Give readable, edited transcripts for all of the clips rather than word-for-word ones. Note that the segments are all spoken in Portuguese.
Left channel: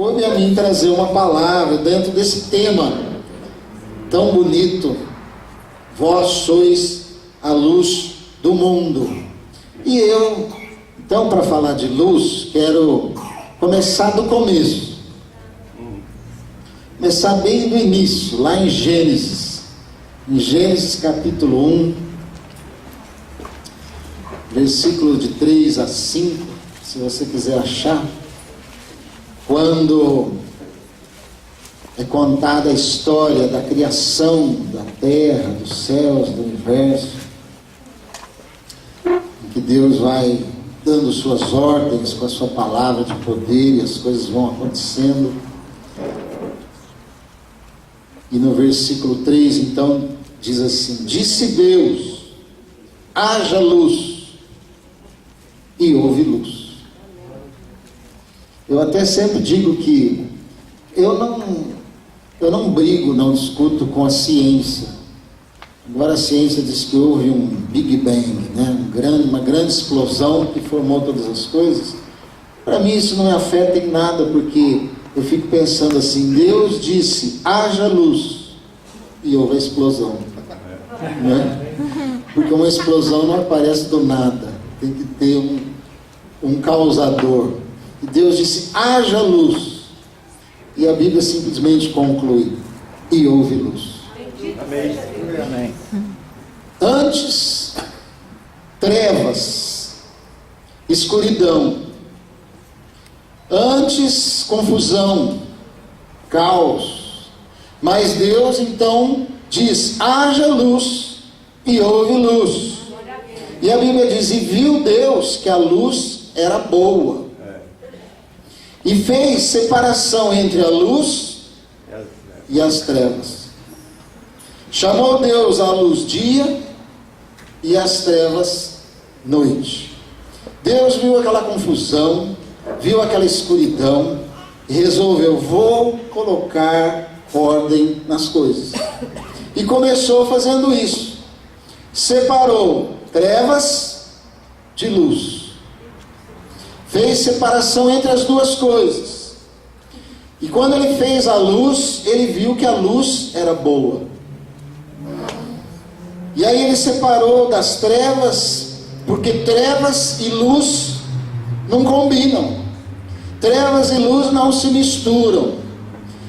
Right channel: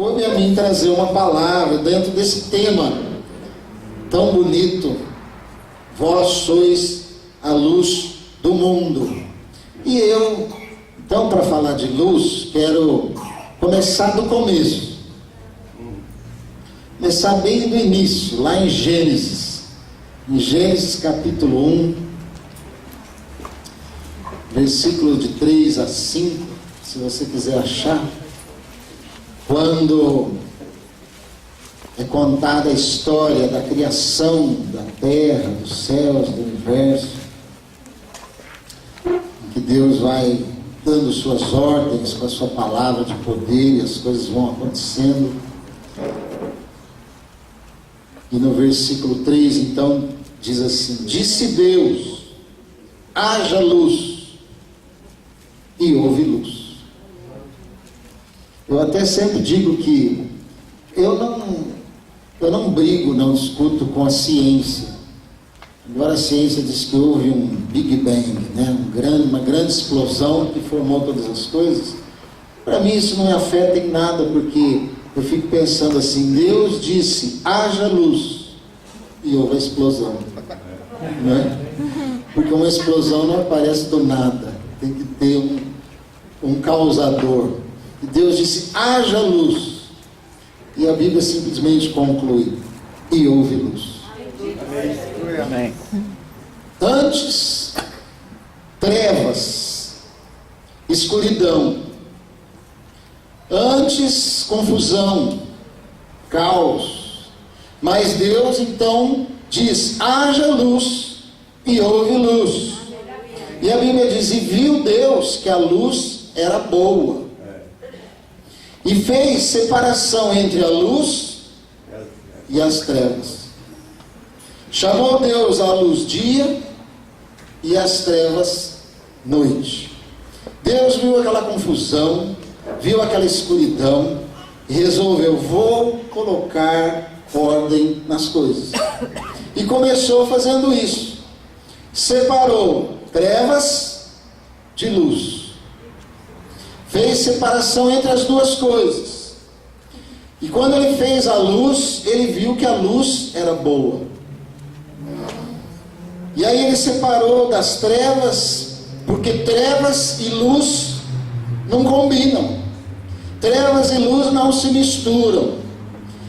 coube a mim trazer uma palavra dentro desse tema tão bonito. Vós sois a luz do mundo. E eu, então, para falar de luz, quero começar do começo. Começar bem do início, lá em Gênesis. Em Gênesis capítulo 1, versículo de 3 a 5, se você quiser achar. Quando é contada a história da criação da terra, dos céus, do universo, em que Deus vai dando suas ordens com a sua palavra de poder e as coisas vão acontecendo. E no versículo 3, então, diz assim: disse Deus, haja luz, e houve luz. Eu até sempre digo que eu não brigo, não discuto com a ciência. Embora a ciência diz que houve um Big Bang, né? Uma grande explosão que formou todas as coisas. Para mim isso não me afeta em nada, porque eu fico pensando assim: Deus disse, haja luz, e houve a explosão. Né? Porque uma explosão não aparece do nada, tem que ter um causador. E Deus disse, haja luz, e a Bíblia simplesmente conclui, e houve luz. Amém. Antes, trevas, escuridão. Antes, confusão, caos. Mas Deus então diz, haja luz, e houve luz. E a Bíblia diz, e viu Deus que a luz era boa, e fez separação entre a luz e as trevas. Chamou Deus a luz dia e as trevas noite. Deus viu aquela confusão, viu aquela escuridão e resolveu, vou colocar ordem nas coisas. E começou fazendo isso. Separou trevas de luz. Fez separação entre as duas coisas. E quando ele fez a luz, ele viu que a luz era boa. E aí ele separou das trevas, porque trevas e luz não combinam. Trevas e luz não se misturam.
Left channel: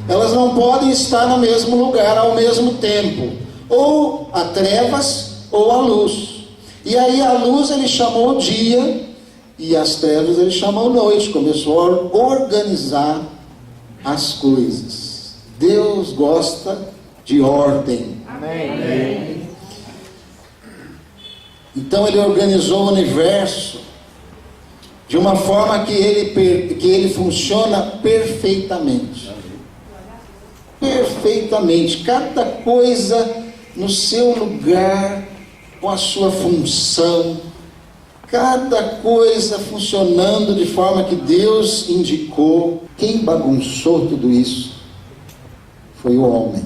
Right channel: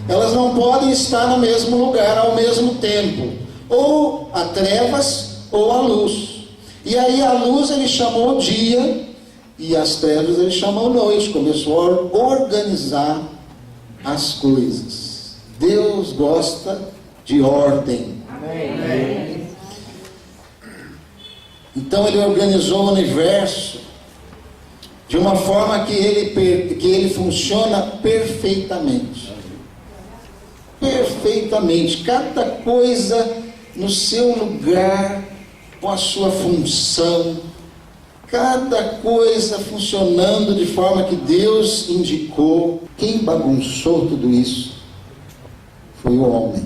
Elas não podem estar no mesmo lugar ao mesmo tempo. Ou a trevas ou a luz. E aí a luz ele chamou dia, e as trevas ele chamou noite. Começou a organizar as coisas. Deus gosta de ordem. Amém. Então ele organizou o universo de uma forma que ele funciona perfeitamente. Perfeitamente. Cada coisa no seu lugar, com a sua função. Cada coisa funcionando de forma que Deus indicou. Quem bagunçou tudo isso foi o homem.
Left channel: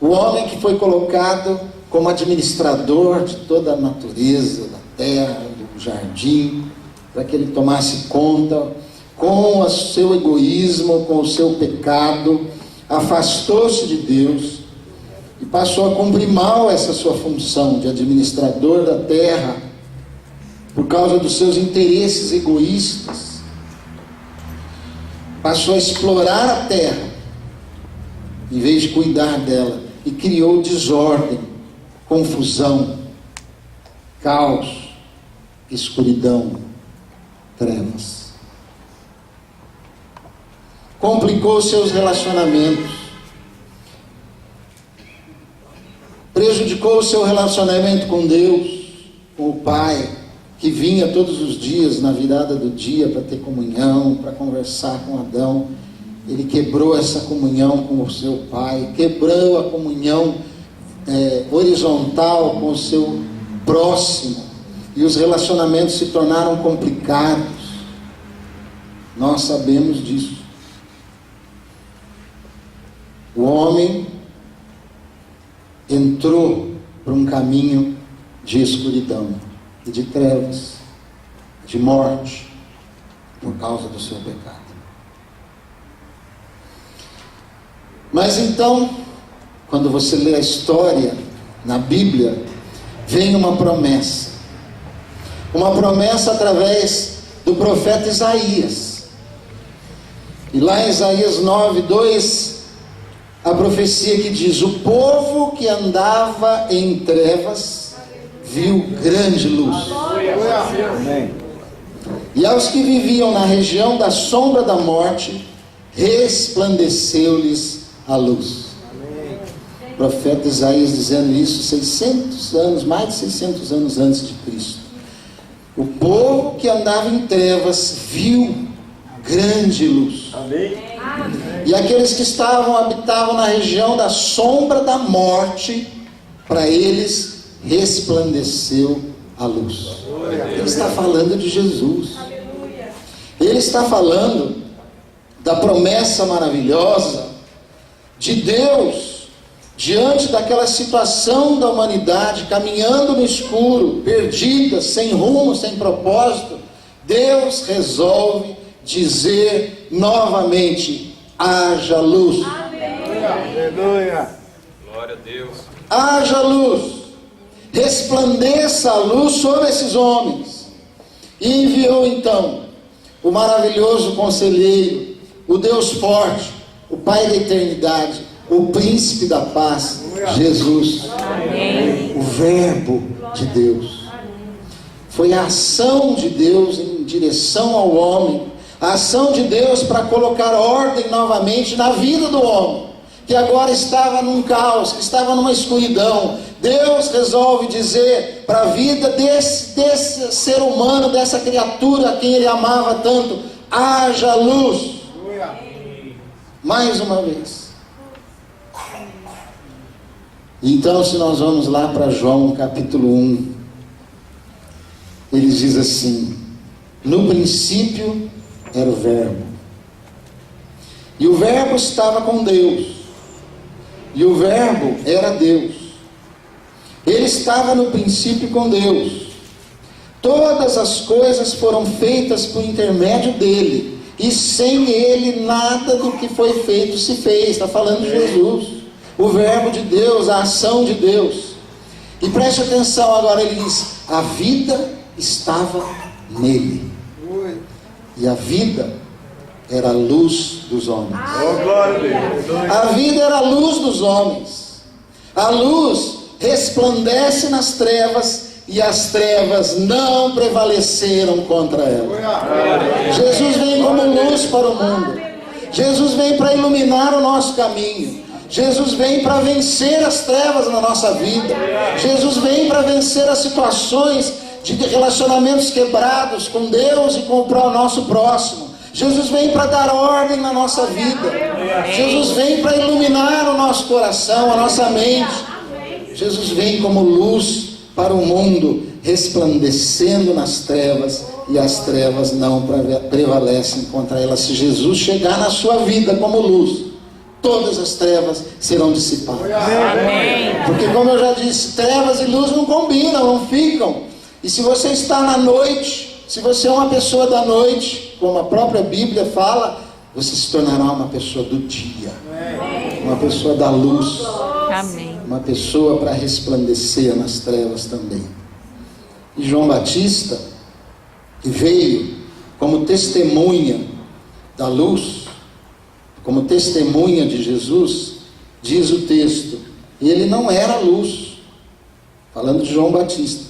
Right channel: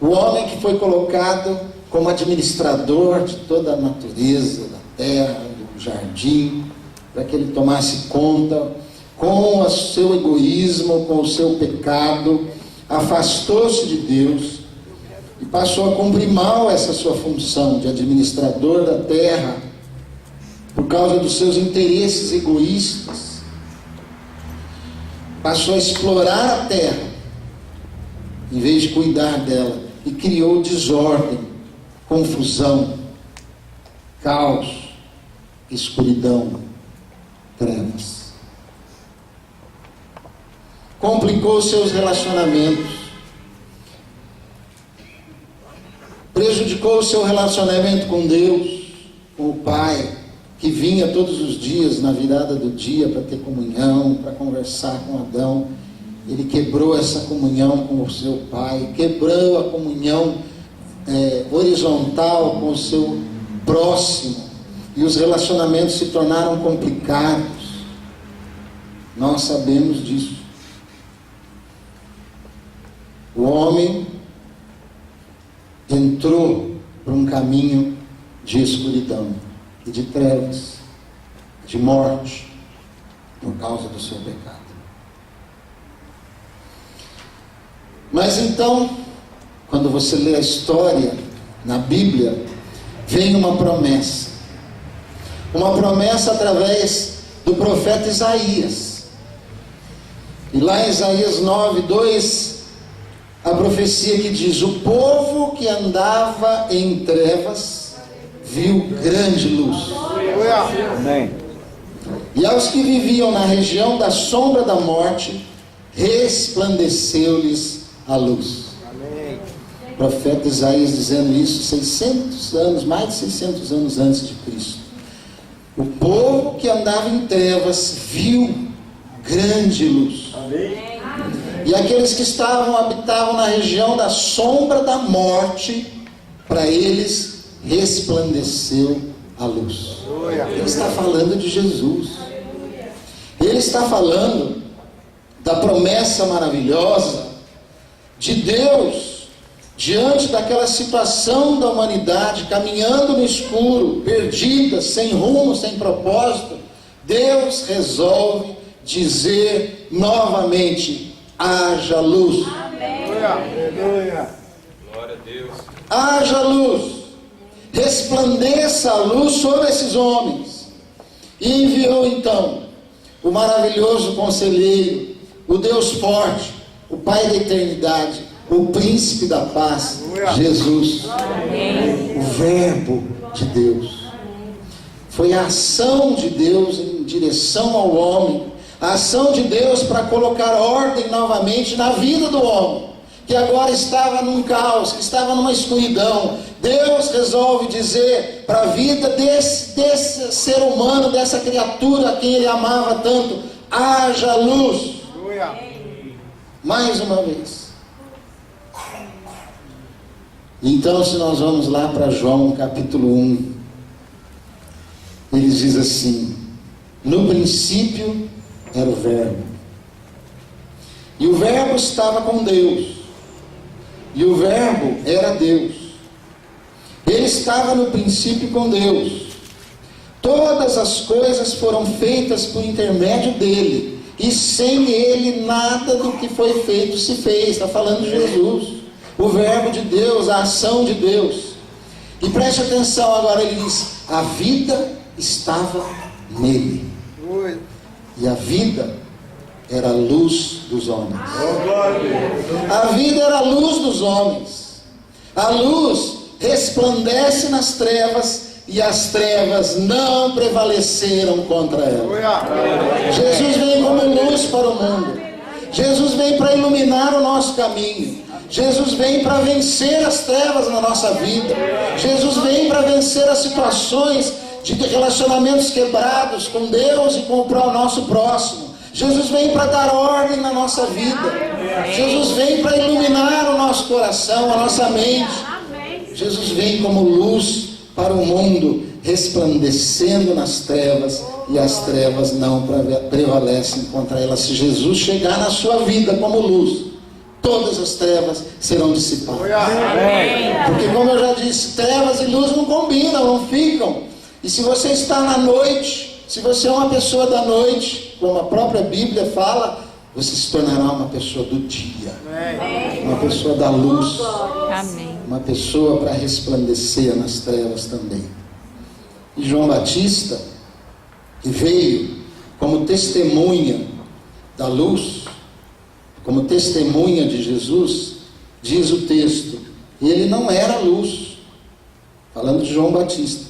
O homem que foi colocado como administrador de toda a natureza, da terra, do jardim, para que ele tomasse conta, com o seu egoísmo, com o seu pecado, afastou-se de Deus e passou a cumprir mal essa sua função de administrador da terra, por causa dos seus interesses egoístas. Passou a explorar a terra, em vez de cuidar dela, e criou desordem, confusão, caos, escuridão, trevas. Complicou seus relacionamentos, prejudicou o seu relacionamento com Deus, com o Pai, que vinha todos os dias na virada do dia para ter comunhão, para conversar com Adão. Ele quebrou essa comunhão com o seu Pai, quebrou a comunhão horizontal com o seu próximo, e os relacionamentos se tornaram complicados. Nós sabemos disso. O homem entrou por um caminho de escuridão e de trevas, de morte, por causa do seu pecado. Mas então, quando você lê a história na Bíblia, vem uma promessa através do profeta Isaías. E lá em Isaías 9:2, a profecia que diz: o povo que andava em trevas viu grande luz. Amém. E aos que viviam na região da sombra da morte, resplandeceu-lhes a luz. Amém. O profeta Isaías dizendo isso 600 anos, mais de 600 anos antes de Cristo. O povo que andava em trevas viu grande luz. Amém. E aqueles que habitavam na região da sombra da morte, para eles resplandeceu a luz. Ele está falando de Jesus. Ele está falando da promessa maravilhosa de Deus diante daquela situação da humanidade caminhando no escuro, perdida, sem rumo, sem propósito. Deus resolve dizer novamente: haja luz. Aleluia. Glória a Deus. Haja luz, resplandeça a luz sobre esses homens. E enviou então o maravilhoso conselheiro, o Deus forte, o Pai da eternidade, o príncipe da paz, Jesus. Amém. O verbo de Deus. Foi a ação de Deus em direção ao homem, a ação de Deus para colocar ordem novamente na vida do homem, que agora estava num caos, que estava numa escuridão. Deus resolve dizer para a vida desse ser humano, dessa criatura a quem ele amava tanto: haja luz. Mais uma vez. Então, se nós vamos lá para João capítulo 1, ele diz assim: no princípio era o verbo, e o verbo estava com Deus, e o verbo era Deus. Ele estava no princípio com Deus. Todas as coisas foram feitas por intermédio dele, e sem ele nada do que foi feito se fez. Está falando de Jesus, o verbo de Deus, a ação de Deus. E preste atenção agora, ele diz: a vida estava nele, e a vida era a luz dos homens. A vida era a luz dos homens. A luz resplandece nas trevas, e as trevas não prevaleceram contra ela. Jesus vem como luz para o mundo. Jesus vem para iluminar o nosso caminho. Jesus vem para vencer as trevas na nossa vida. Jesus vem para vencer as situações de relacionamentos quebrados com Deus e com o nosso próximo. Jesus vem para dar ordem na nossa vida. Jesus vem para iluminar o nosso coração, a nossa mente. Jesus vem como luz para o mundo, resplandecendo nas trevas, e as trevas não prevalecem contra elas. Se Jesus chegar na sua vida como luz, todas as trevas serão dissipadas. Porque, como eu já disse, trevas e luz não combinam, não ficam. E se você está na noite, se você é uma pessoa da noite, como a própria Bíblia fala, você se tornará uma pessoa do dia, uma pessoa da luz. Amém. Uma pessoa para resplandecer nas trevas também. E João Batista, que veio como testemunha da luz, como testemunha de Jesus, diz o texto: ele não era luz, falando de João Batista,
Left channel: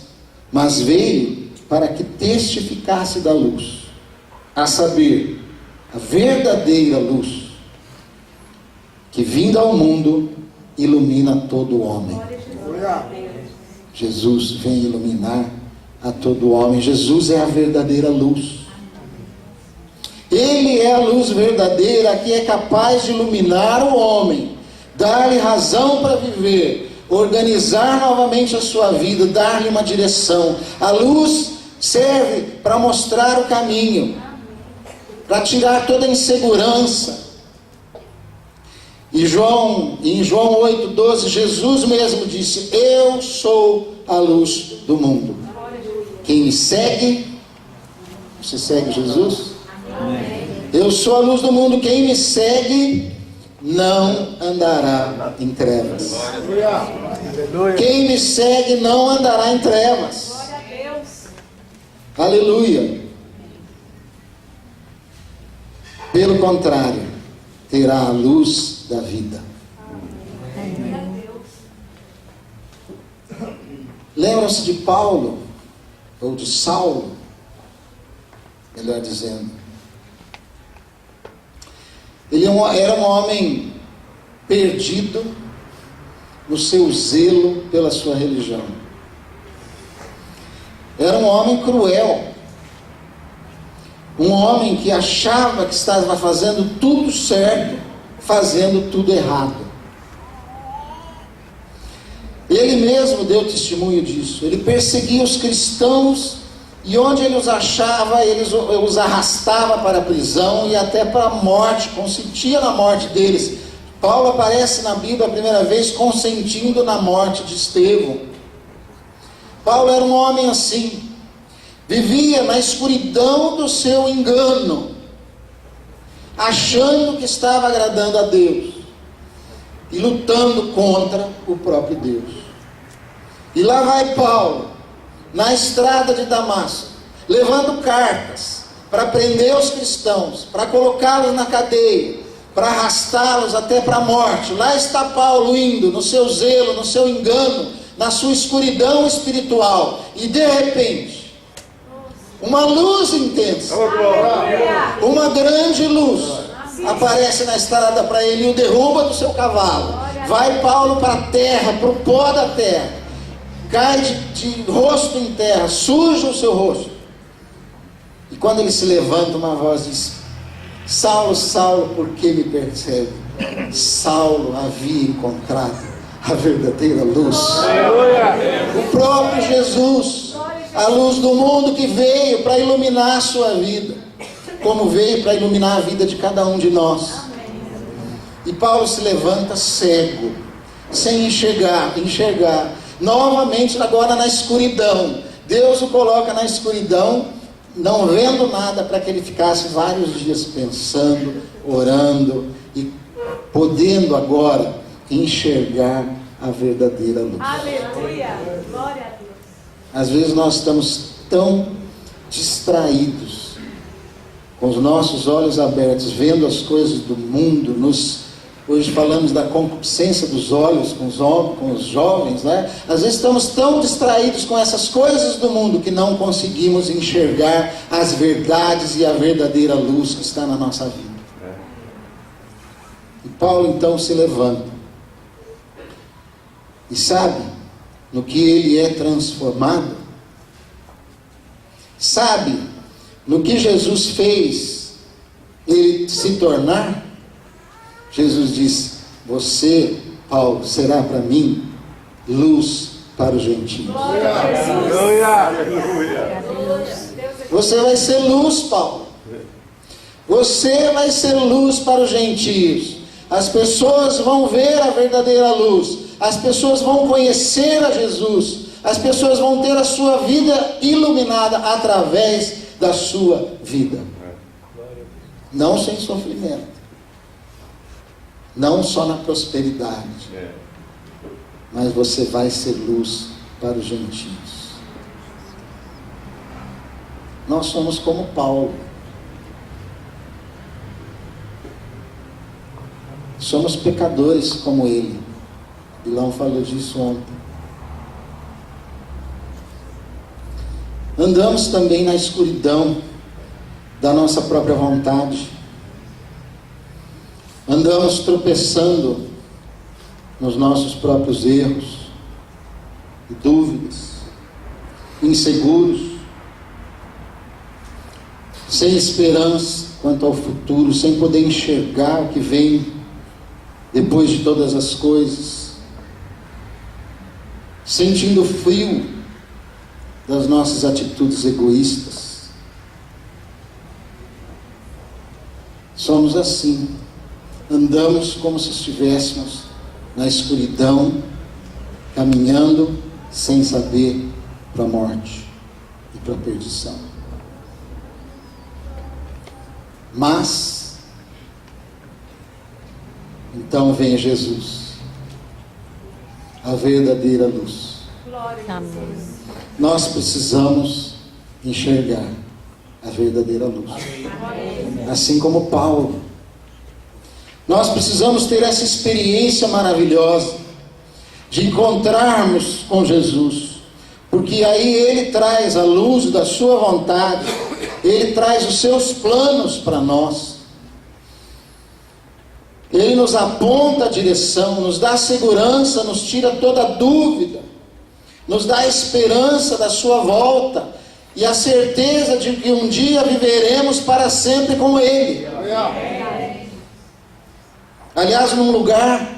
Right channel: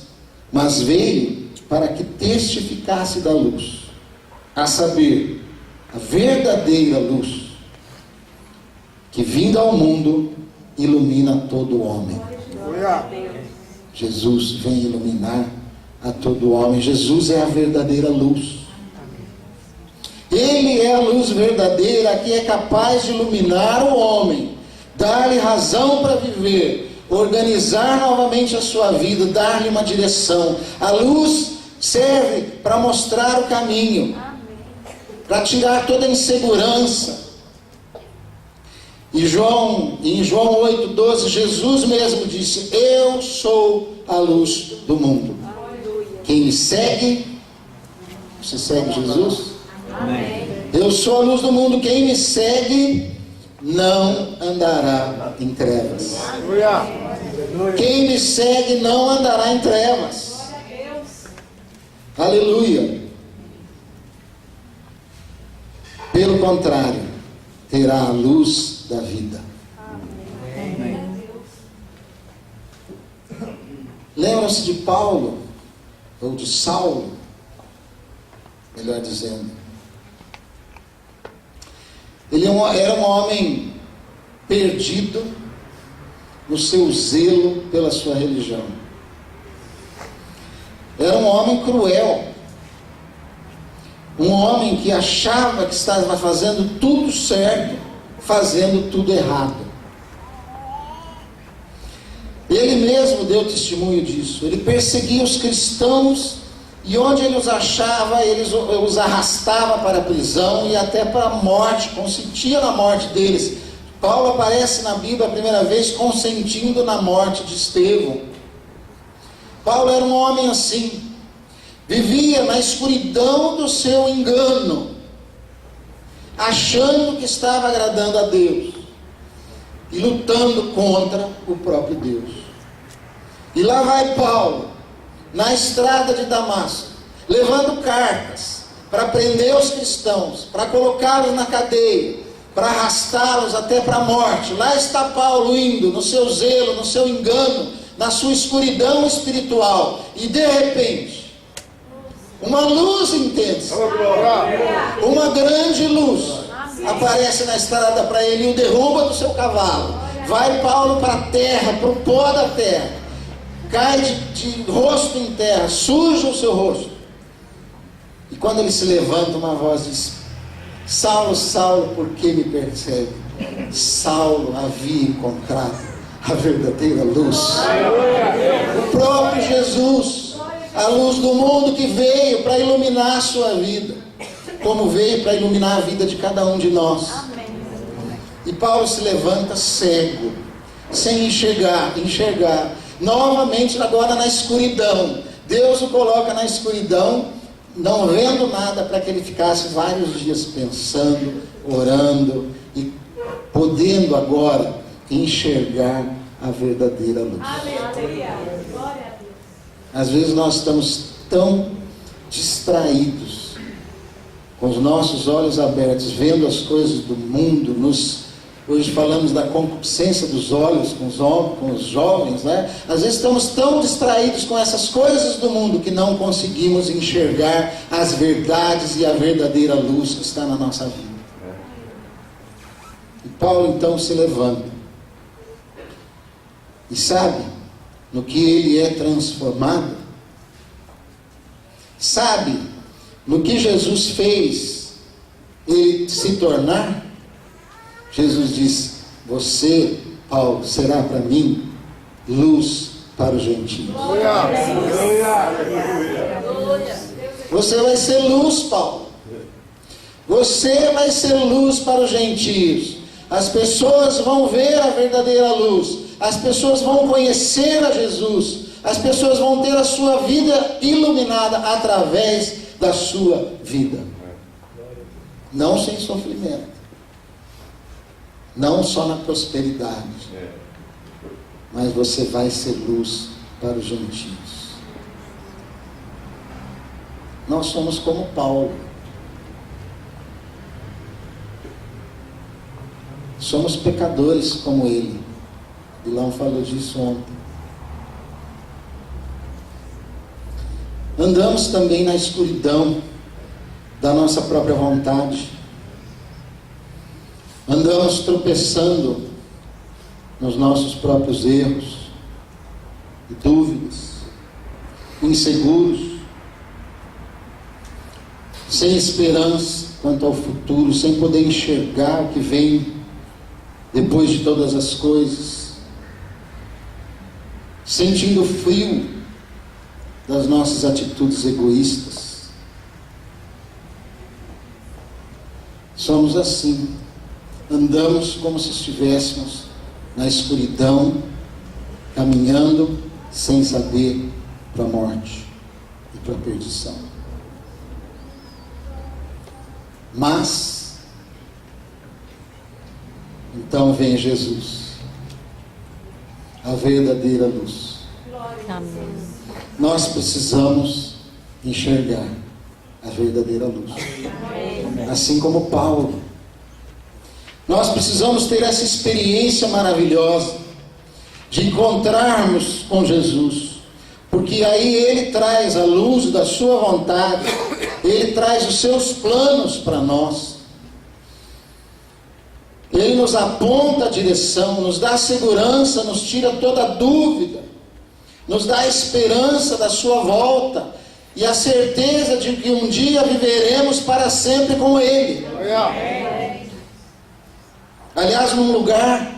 mas veio para que testificasse da luz, a saber, a verdadeira luz, que vindo ao mundo ilumina todo homem. Jesus vem iluminar a todo homem. Jesus é a verdadeira luz. Ele é a luz verdadeira que é capaz de iluminar o homem, dar-lhe razão para viver, organizar novamente a sua vida, dar-lhe uma direção. A luz serve para mostrar o caminho, para tirar toda a insegurança. E em João 8,12, Jesus mesmo disse: eu sou a luz do mundo. Quem me segue, você segue Jesus? Eu sou a luz do mundo, quem me segue não andará em trevas. Quem me segue não andará em trevas. Aleluia. Pelo contrário, terá a luz da vida. Lembram-se de Paulo, ou de Saulo, melhor dizendo. Ele era um homem perdido no seu zelo pela sua religião. Era um homem cruel. Um homem que achava que estava fazendo tudo certo, fazendo tudo errado. Ele mesmo deu testemunho disso. Ele perseguia os cristãos e onde ele os achava, ele os arrastava para a prisão e até para a morte, consentia na morte deles. Paulo aparece na Bíblia a primeira vez consentindo na morte de Estevão. Paulo era um homem assim, vivia na escuridão do seu engano, achando que estava agradando a Deus e lutando contra o próprio Deus. E lá vai Paulo, na estrada de Damasco, levando cartas para prender os cristãos, para colocá-los na cadeia, para arrastá-los até para a morte. Lá está Paulo indo, no seu zelo, no seu engano, na sua escuridão espiritual. E de repente, uma luz intensa, uma grande luz, aparece na estrada para ele e o derruba do seu cavalo. Vai Paulo para a terra, para o pó da terra, cai de rosto em terra, suja o seu rosto. E quando ele se levanta, uma voz diz: Saulo, Saulo, por que me persegue? Saulo havia encontrado a verdadeira luz, o próprio Jesus, a luz do mundo que veio para iluminar a sua vida, como veio para iluminar a vida de cada um de nós. E Paulo se levanta cego, sem enxergar, novamente agora na escuridão. Deus o coloca na escuridão, não vendo nada, para que ele ficasse vários dias pensando, orando e podendo agora enxergar a verdadeira luz. Aleluia! Glória a Deus. Às vezes nós estamos tão distraídos, com os nossos olhos abertos, vendo as coisas do mundo. Hoje falamos da concupiscência dos olhos com os jovens, né? Às vezes estamos tão distraídos com essas coisas do mundo que não conseguimos enxergar as verdades e a verdadeira luz que está na nossa vida. E Paulo então se levanta e sabe no que ele é transformado, sabe no que Jesus fez ele se tornar. Jesus diz: você, Paulo, será para mim luz para os gentios. Você vai ser luz, Paulo. Você vai ser luz para os gentios. As pessoas vão ver a verdadeira luz. As pessoas vão conhecer a Jesus. As pessoas vão ter a sua vida iluminada através da sua vida. Não sem sofrimento. Não só na prosperidade. Mas você vai ser luz para os gentios. Nós somos como Paulo. Somos pecadores como ele. Bilão falou disso ontem. Andamos também na escuridão da nossa própria vontade. Andamos tropeçando nos nossos próprios erros e dúvidas, inseguros, sem esperança quanto ao futuro, sem poder enxergar o que vem depois de todas as coisas, sentindo frio das nossas atitudes egoístas. Somos assim. Andamos como se estivéssemos na escuridão, caminhando sem saber para a morte e para a perdição. Mas, então vem Jesus, a verdadeira luz. Amém. Nós precisamos enxergar a verdadeira luz. Assim como Paulo. Nós precisamos ter essa experiência maravilhosa de encontrarmos com Jesus. Porque aí Ele traz a luz da sua vontade. Ele traz os seus planos para nós. Ele nos aponta a direção, nos dá segurança, nos tira toda dúvida, nos dá a esperança da sua volta e a certeza de que um dia viveremos para sempre com Ele. Aliás, num lugar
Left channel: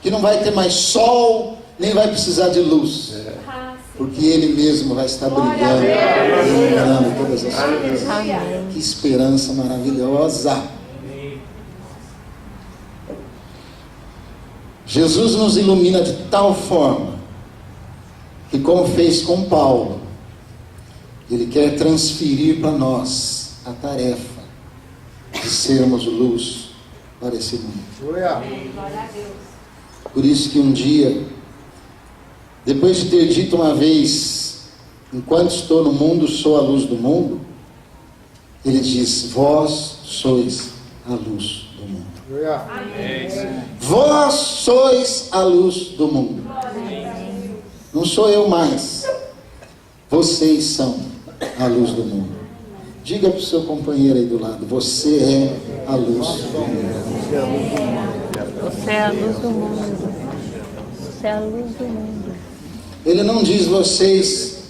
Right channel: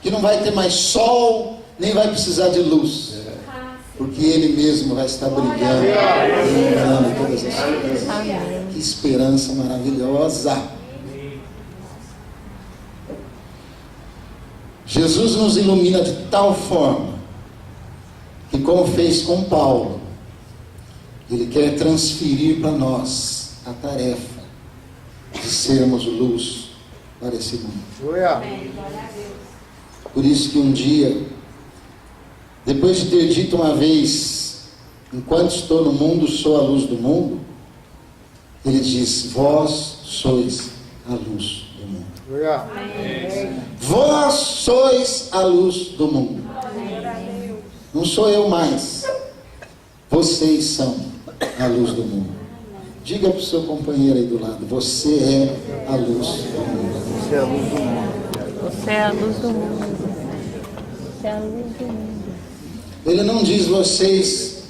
que não vai ter mais sol, nem vai precisar de luz, porque Ele mesmo vai estar brilhando, iluminando todas as coisas. Que esperança maravilhosa! Jesus nos ilumina de tal forma que, como fez com Paulo, Ele quer transferir para nós a tarefa de sermos luz para esse mundo. Por isso que um dia, depois de ter dito uma vez, enquanto estou no mundo, sou a luz do mundo, Ele diz, vós sois a luz do mundo. Vós sois a luz do mundo. Não sou eu mais. Vocês são a luz do mundo. Diga para o seu companheiro aí do lado, você é a luz do mundo. Você é a luz do mundo. Você é a luz do mundo. Ele não diz vocês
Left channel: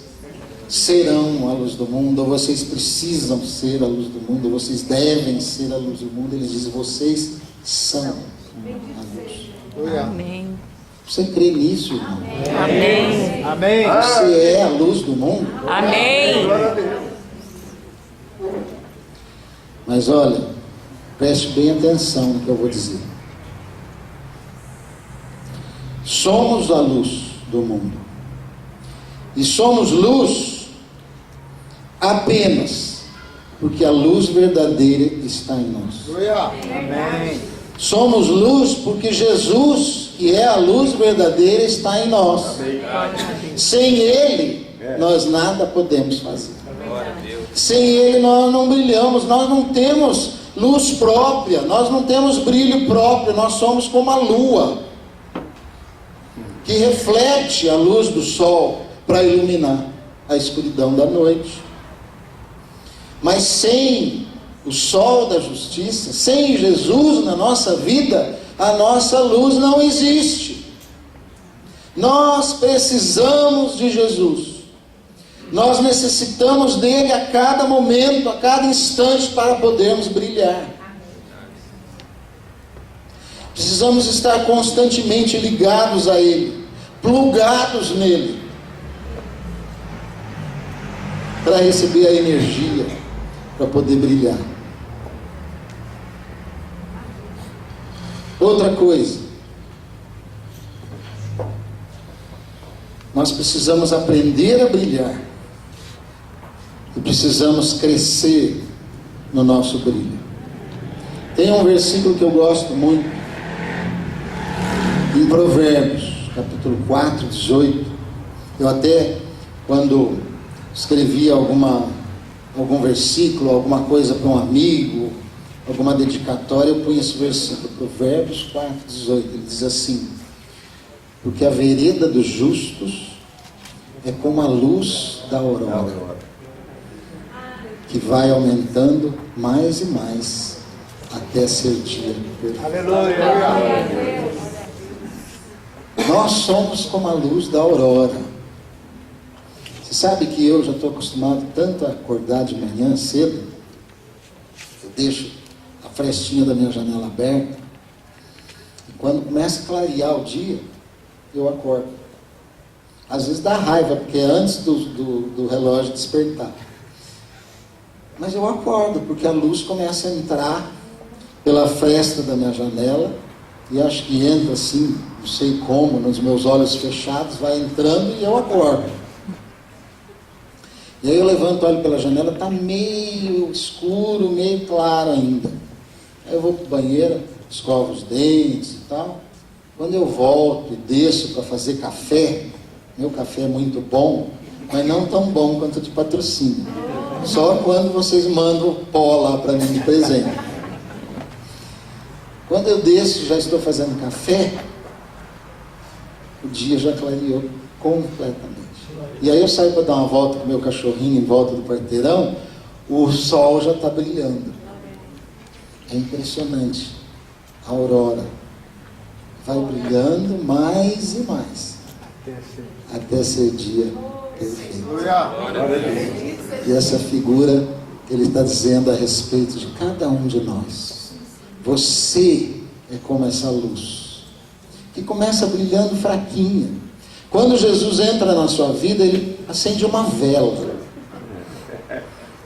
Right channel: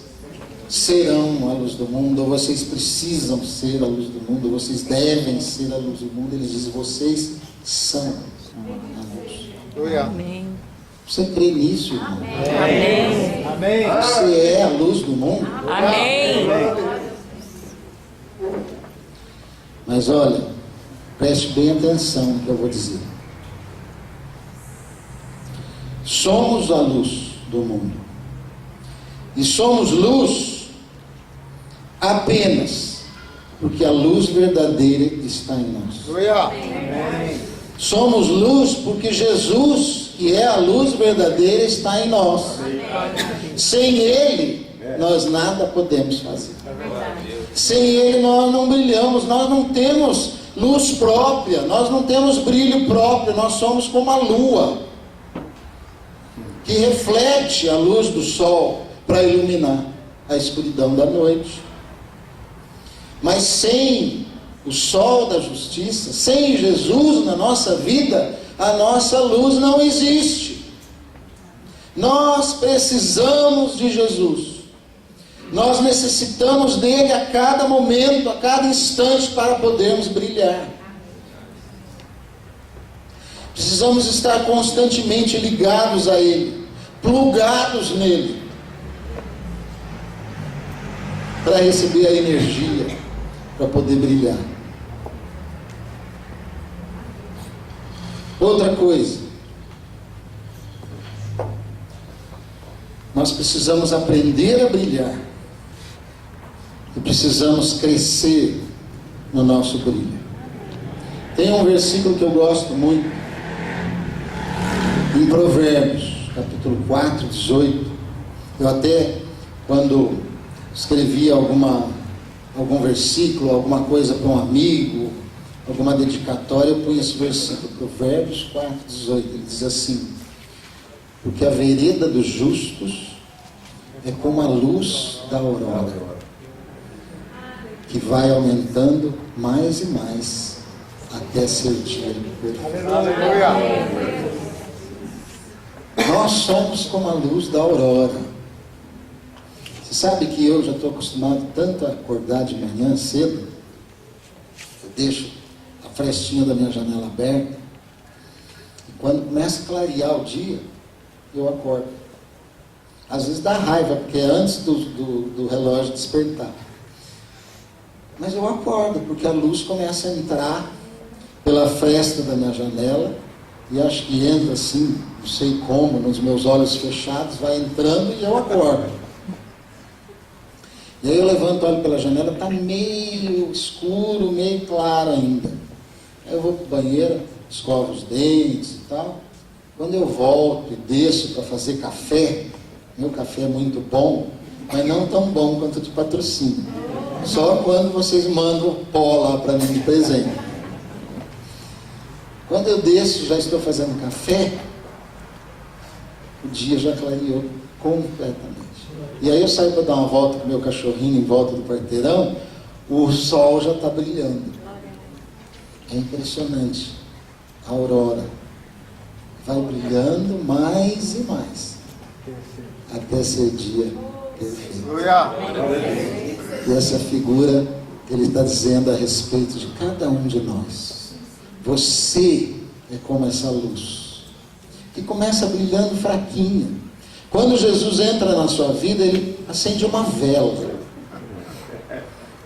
serão a luz do mundo, ou vocês precisam ser a luz do mundo, ou vocês devem ser a luz do mundo. Ele diz vocês são a luz. Amém. Você crê nisso, irmão? Amém. Amém. Você é a luz do mundo? Amém. Mas olha, preste bem atenção no que eu vou dizer. Somos a luz do mundo. E somos luz apenas porque a luz verdadeira está em nós. Amém. Somos luz porque Jesus, que é a luz verdadeira, está em nós. Sem Ele, nós nada podemos fazer. Sem Ele nós não brilhamos, nós não temos luz própria, nós não temos brilho próprio, nós somos como a lua, que reflete a luz do sol para iluminar a escuridão da noite. Mas sem o sol da justiça, sem Jesus na nossa vida, a nossa luz não existe. Nós precisamos de Jesus. Nós necessitamos dele a cada momento, a cada instante para podermos brilhar. Precisamos estar constantemente ligados a ele, plugados nele, para receber a energia, para poder brilhar. Outra coisa, nós precisamos aprender a brilhar e precisamos crescer no nosso brilho. Tem um versículo que eu gosto muito, em Provérbios, capítulo 4, 18. Eu até, quando escrevia algum versículo, alguma coisa para um amigo, alguma dedicatória, eu punha esse versículo, Provérbios 4, 18. Ele diz assim: porque a vereda dos justos é como a luz da aurora, que vai aumentando mais e mais até ser dia perfeito. Aleluia. Nós somos como a luz da aurora. Você sabe que eu já estou acostumado tanto a acordar de manhã cedo. Eu deixo a frestinha da minha janela aberta, e quando começa a clarear o dia, eu acordo. Às vezes dá raiva, porque é antes do relógio despertar. Mas eu acordo, porque a luz começa a entrar pela fresta da minha janela, e acho que entra assim, não sei como, nos meus olhos fechados, vai entrando e eu acordo. E aí eu levanto, olho pela janela, está meio escuro, meio claro ainda. Aí eu vou para o banheiro, escovo os dentes e tal. Quando eu volto e desço para fazer café, meu café é muito bom, mas não tão bom quanto de patrocínio. Só quando vocês mandam pó lá para mim de presente. Quando eu desço, já estou fazendo café, o dia já clareou completamente. E aí eu saio para dar uma volta com o meu cachorrinho em volta do quarteirão, o sol já está brilhando. É impressionante. A aurora vai brilhando mais e mais, até ser dia perfeito. E essa figura, ele está dizendo a respeito de cada um de nós. Você é como essa luz, que começa brilhando fraquinha. Quando Jesus entra na sua vida, ele acende uma vela.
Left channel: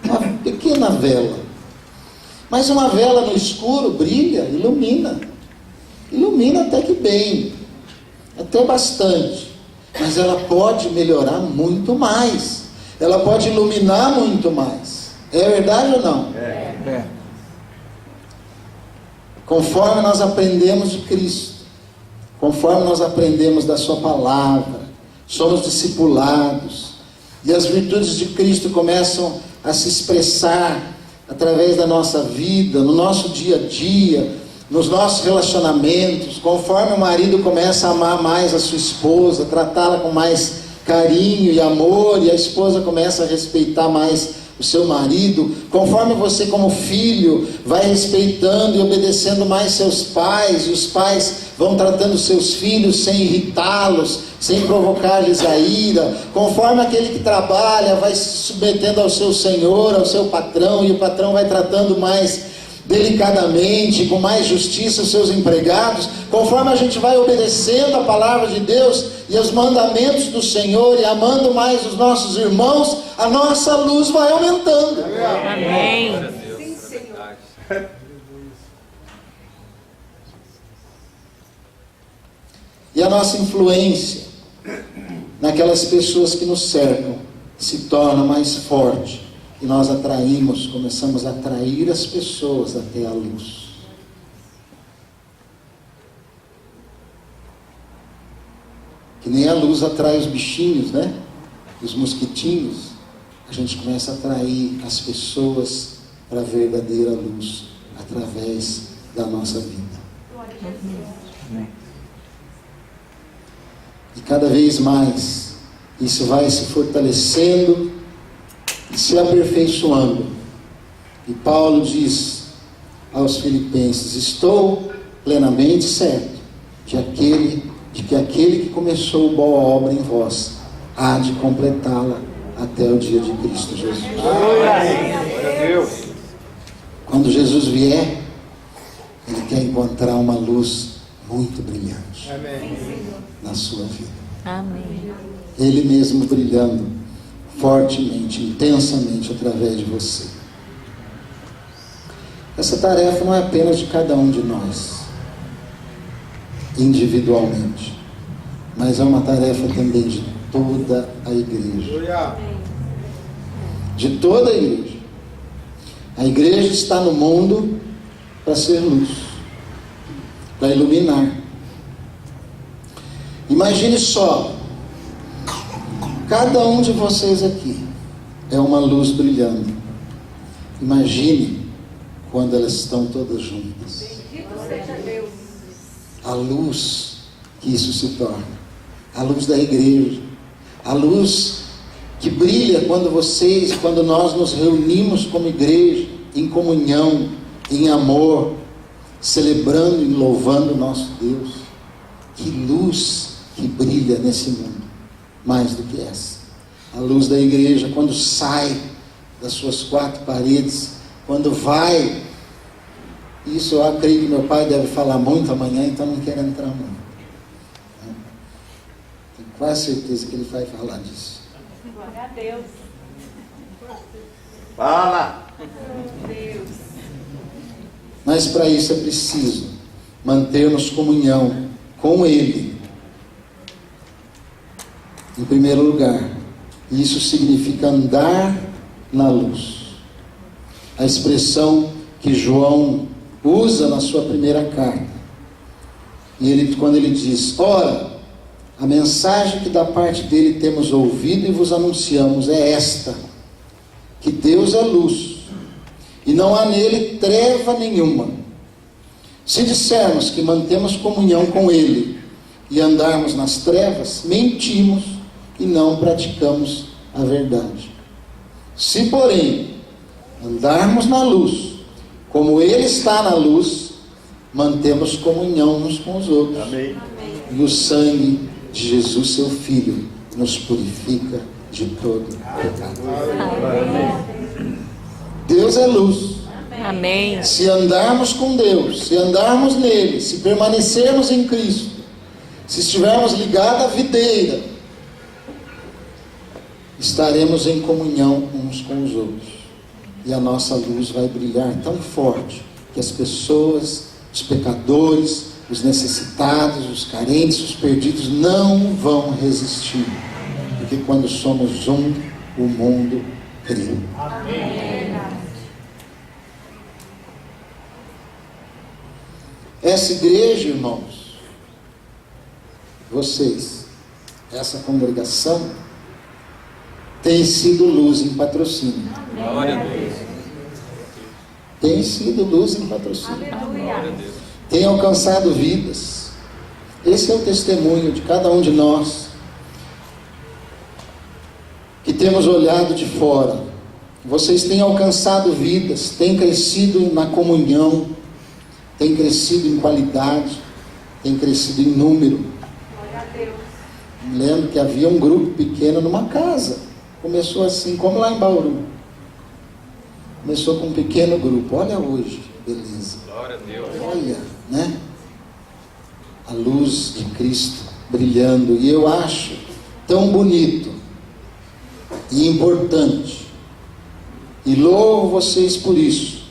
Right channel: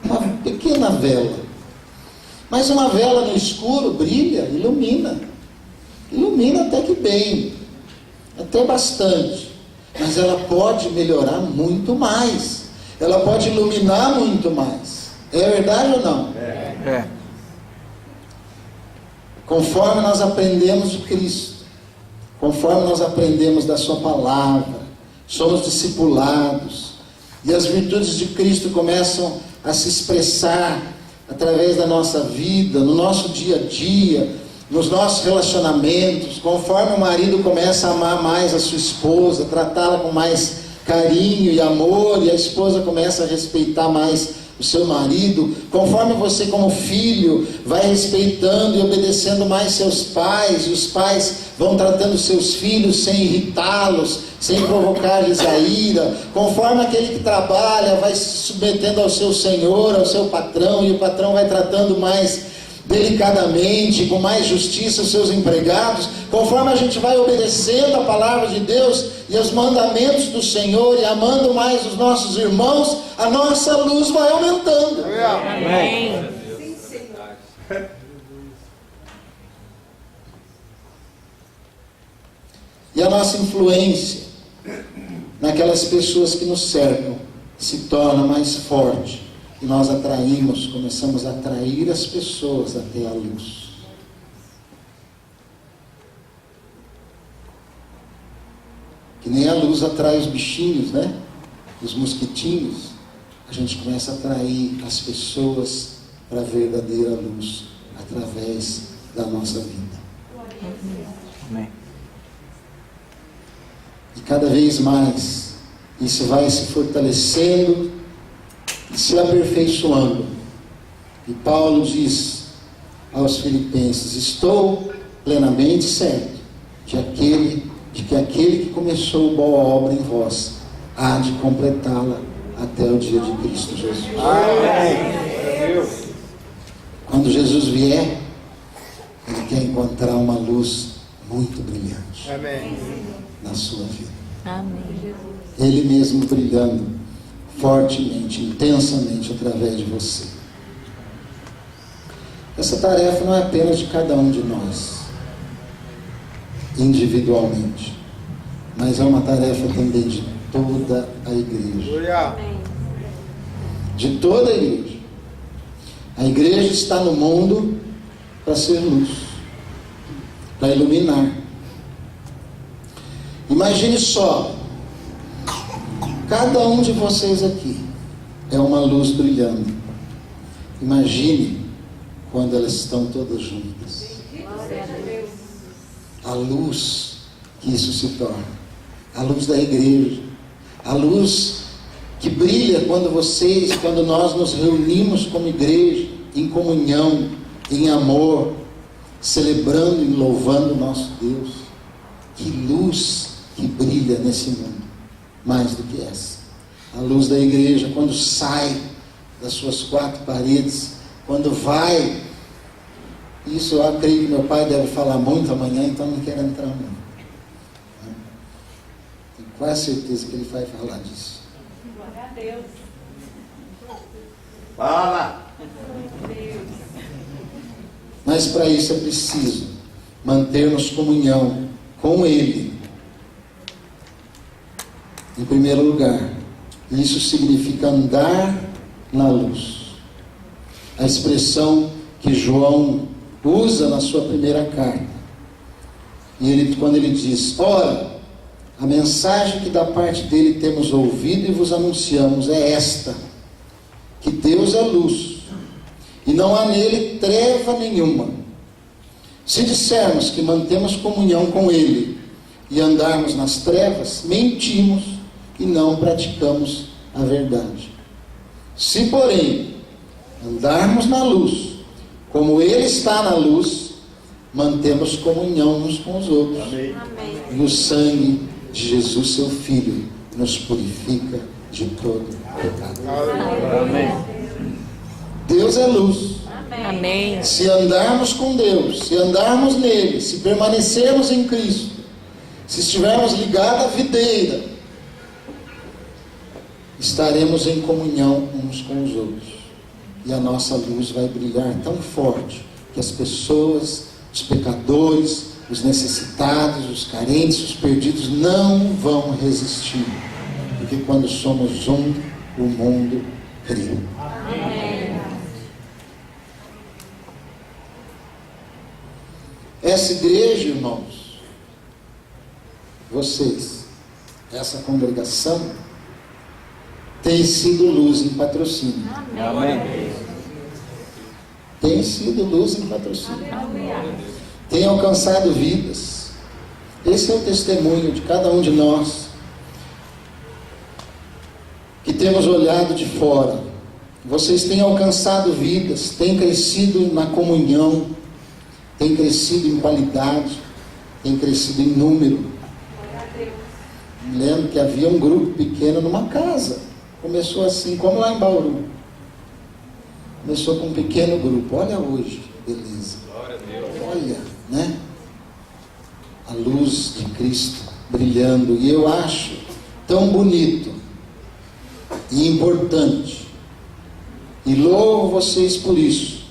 Uma pequena vela. Mas uma vela no escuro brilha, ilumina. Ilumina até que bem. Até bastante. Mas ela pode melhorar muito mais. Ela pode iluminar muito mais. É verdade ou não? É. Conforme nós aprendemos de Cristo, conforme nós aprendemos da sua palavra, somos discipulados, e as virtudes de Cristo começam a se expressar através da nossa vida, no nosso dia a dia, nos nossos relacionamentos, conforme o marido começa a amar mais a sua esposa, tratá-la com mais carinho e amor, e a esposa começa a respeitar mais o seu marido, conforme você como filho vai respeitando e obedecendo mais seus pais, e os pais vão tratando seus filhos sem irritá-los, sem provocar-lhes a ira, conforme aquele que trabalha vai se submetendo ao seu senhor, ao seu patrão, e o patrão vai tratando mais delicadamente, com mais justiça os seus empregados, conforme a gente vai obedecendo a palavra de Deus e os mandamentos do Senhor e amando mais os nossos irmãos, a nossa luz vai aumentando. Amém. Sim, Senhor. E a nossa influência naquelas pessoas que nos cercam se torna mais forte. E nós atraímos, começamos a atrair as pessoas até a luz. Que nem a luz atrai os bichinhos, né? Os mosquitinhos. A gente começa a atrair as pessoas para a verdadeira luz através da nossa vida. Amém. E cada vez mais isso vai se fortalecendo e se aperfeiçoando. E Paulo diz aos Filipenses: estou plenamente certo de que aquele que começou boa obra em vós há de completá-la até o dia de Cristo Jesus. Quando Jesus vier, ele quer encontrar uma luz muito brilhante na sua vida. Amém. Ele mesmo brilhando fortemente, intensamente através de você. Essa tarefa não é apenas de cada um de nós, individualmente, mas é uma tarefa também de toda a igreja. De toda a igreja. A igreja está no mundo para ser luz, para iluminar. Imagine só, cada um de vocês aqui é uma luz brilhando. Imagine quando elas estão todas juntas. A luz que isso se torna. A luz da igreja. A luz que brilha quando nós nos reunimos como igreja, em comunhão, em amor, celebrando e louvando o nosso Deus. Que luz que brilha nesse mundo. Mais do que essa. A luz da igreja, quando sai das suas quatro paredes, quando vai, isso eu creio que meu pai deve falar muito amanhã, então não quero entrar muito. Tenho quase certeza que ele vai falar disso. Glória a Deus. Fala! Mas para isso é preciso manter-nos comunhão com Ele. Em primeiro lugar, Isso significa andar na luz. A expressão que João usa na sua primeira carta. E quando ele diz: ora, a mensagem que da parte dele temos ouvido e vos anunciamos é esta, que Deus é luz, e não há nele treva nenhuma. Se dissermos que mantemos comunhão com ele e andarmos nas trevas, mentimos e não praticamos a verdade. Se, porém, andarmos na luz, como ele está na luz, mantemos comunhão uns com os outros. Amém. E o sangue de Jesus, seu Filho, nos purifica de todo pecado. Deus é luz. Amém. Se andarmos com Deus, se andarmos nele, se permanecermos em Cristo, se estivermos ligados à videira, estaremos em comunhão uns com os outros. E a nossa luz vai brilhar tão forte que as pessoas, os pecadores, os necessitados, os carentes, os perdidos não vão resistir. Porque quando somos um, o mundo crê. Essa igreja, irmãos, vocês, essa congregação, tem sido luz em Patrocínio. Tem sido luz em Patrocínio. Tem alcançado vidas. Esse é o testemunho de cada um de nós, que temos olhado de fora. Vocês têm alcançado vidas, têm crescido na comunhão, têm crescido em qualidade, têm crescido em número. Me lembro que havia um grupo pequeno numa casa. Começou assim, como lá em Bauru. Começou com um pequeno grupo. Olha hoje, beleza. Glória a Deus. Olha, né? A luz de Cristo brilhando. E eu acho tão bonito e importante, e louvo vocês por isso,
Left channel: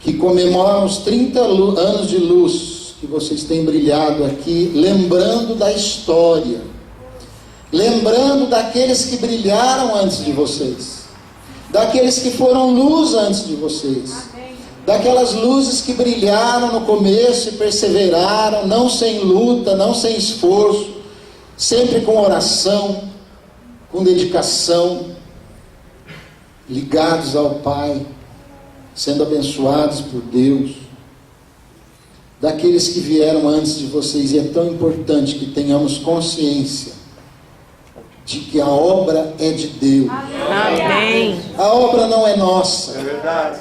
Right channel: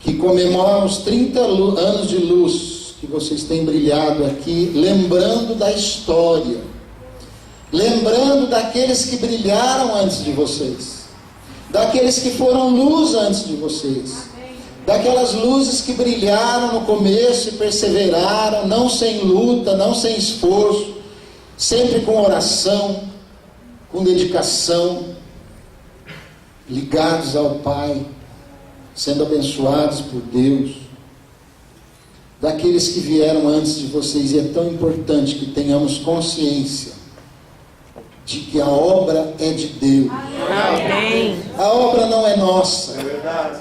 que comemoram os 30 anos de luz que vocês têm brilhado aqui, lembrando da história, lembrando daqueles que brilharam antes de vocês, daqueles que foram luz antes de vocês, daquelas luzes que brilharam no começo e perseveraram, não sem luta, não sem esforço, sempre com oração, com dedicação, ligados ao Pai, sendo abençoados por Deus, daqueles que vieram antes de vocês. E é tão importante que tenhamos consciência de que a obra é de Deus. Amém. A obra não é nossa. É verdade.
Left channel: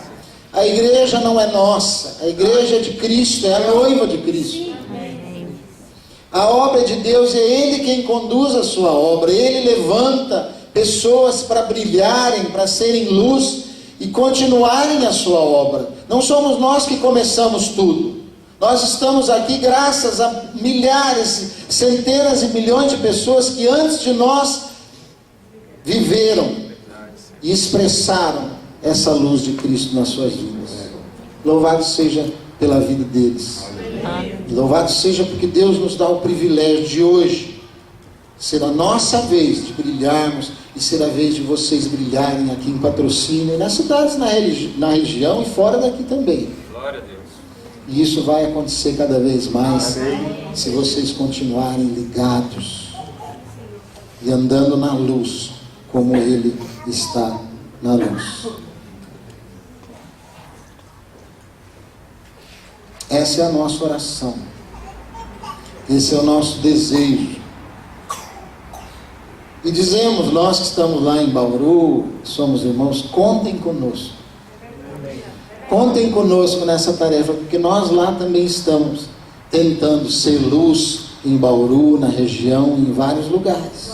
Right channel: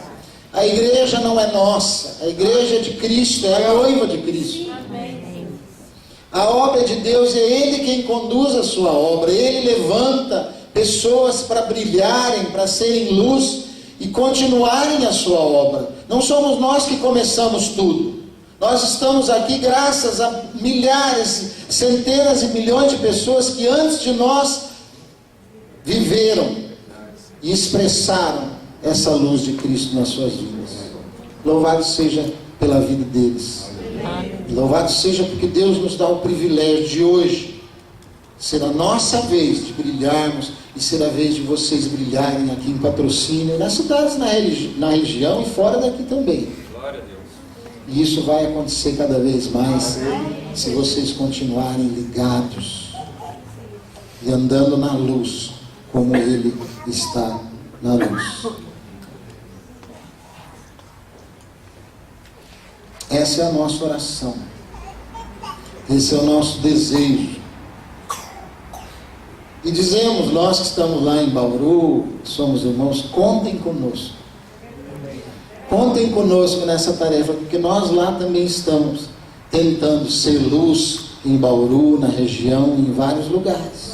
A igreja não é nossa. A igreja é de Cristo, é a noiva de Cristo. A obra é de Deus, é Ele quem conduz a sua obra. Ele levanta pessoas para brilharem, para serem luz e continuarem a sua obra. Não somos nós que começamos tudo. Nós estamos aqui graças a milhares, centenas e milhões de pessoas que antes de nós viveram e expressaram essa luz de Cristo nas suas vidas. Louvado seja pela vida deles. Louvado seja porque Deus nos dá o privilégio de hoje ser a nossa vez de brilharmos e ser a vez de vocês brilharem aqui em Patrocínio, nas cidades, na região e fora daqui também. Glória a Deus. E isso vai acontecer cada vez mais se vocês continuarem ligados e andando na luz como Ele está na luz. Essa é a nossa oração. Esse é o nosso desejo. E dizemos, nós que estamos lá em Bauru, somos irmãos, contem conosco. Contem conosco nessa tarefa, porque nós lá também estamos tentando ser luz em Bauru, na região, em vários lugares.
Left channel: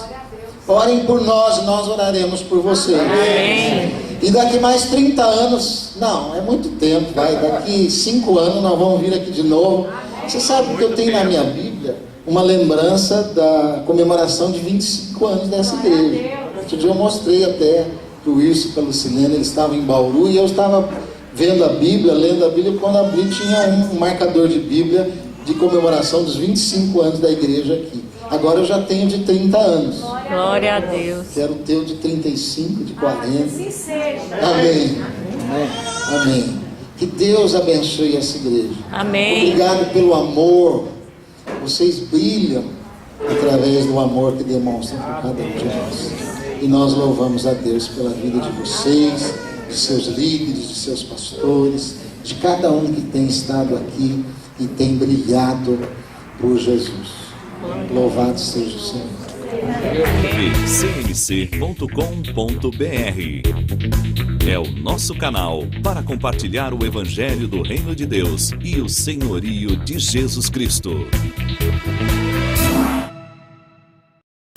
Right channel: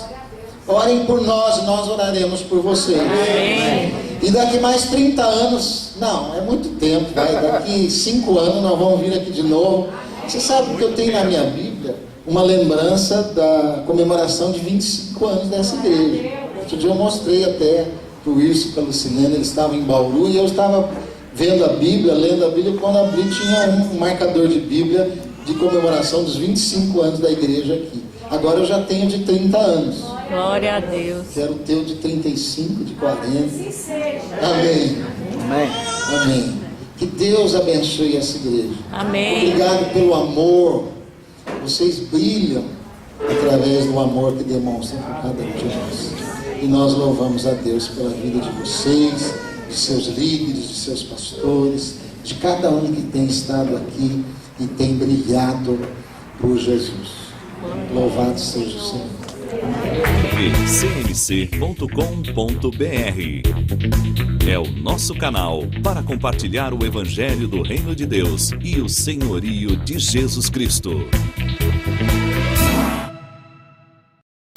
Orem por nós e nós oraremos por vocês. Amém. E daqui mais 30 anos, não, é muito tempo, vai, daqui 5 anos nós vamos vir aqui de novo. Você sabe que eu tenho na minha Bíblia uma lembrança da comemoração de 25 anos dessa igreja. Outro dia eu mostrei até para o Wilson e para a Lucilena, eles estavam em Bauru e eu estava vendo a Bíblia, lendo a Bíblia, quando abri tinha um marcador de Bíblia de comemoração dos 25 anos da igreja aqui. Agora eu já tenho de 30 anos. Glória a Deus. Quero o teu de 35, de 40. Assim seja. Amém. Amém. Amém. Que Deus abençoe essa igreja. Amém. Obrigado pelo amor. Vocês brilham através do amor que demonstram por cada um de nós. E nós louvamos a Deus pela vida de vocês, de seus líderes, de seus pastores, de cada um que tem estado aqui e tem brilhado por Jesus. Louvado seja o Senhor. cmc.com.br é o nosso canal para compartilhar o Evangelho do Reino de Deus e o senhorio de Jesus Cristo.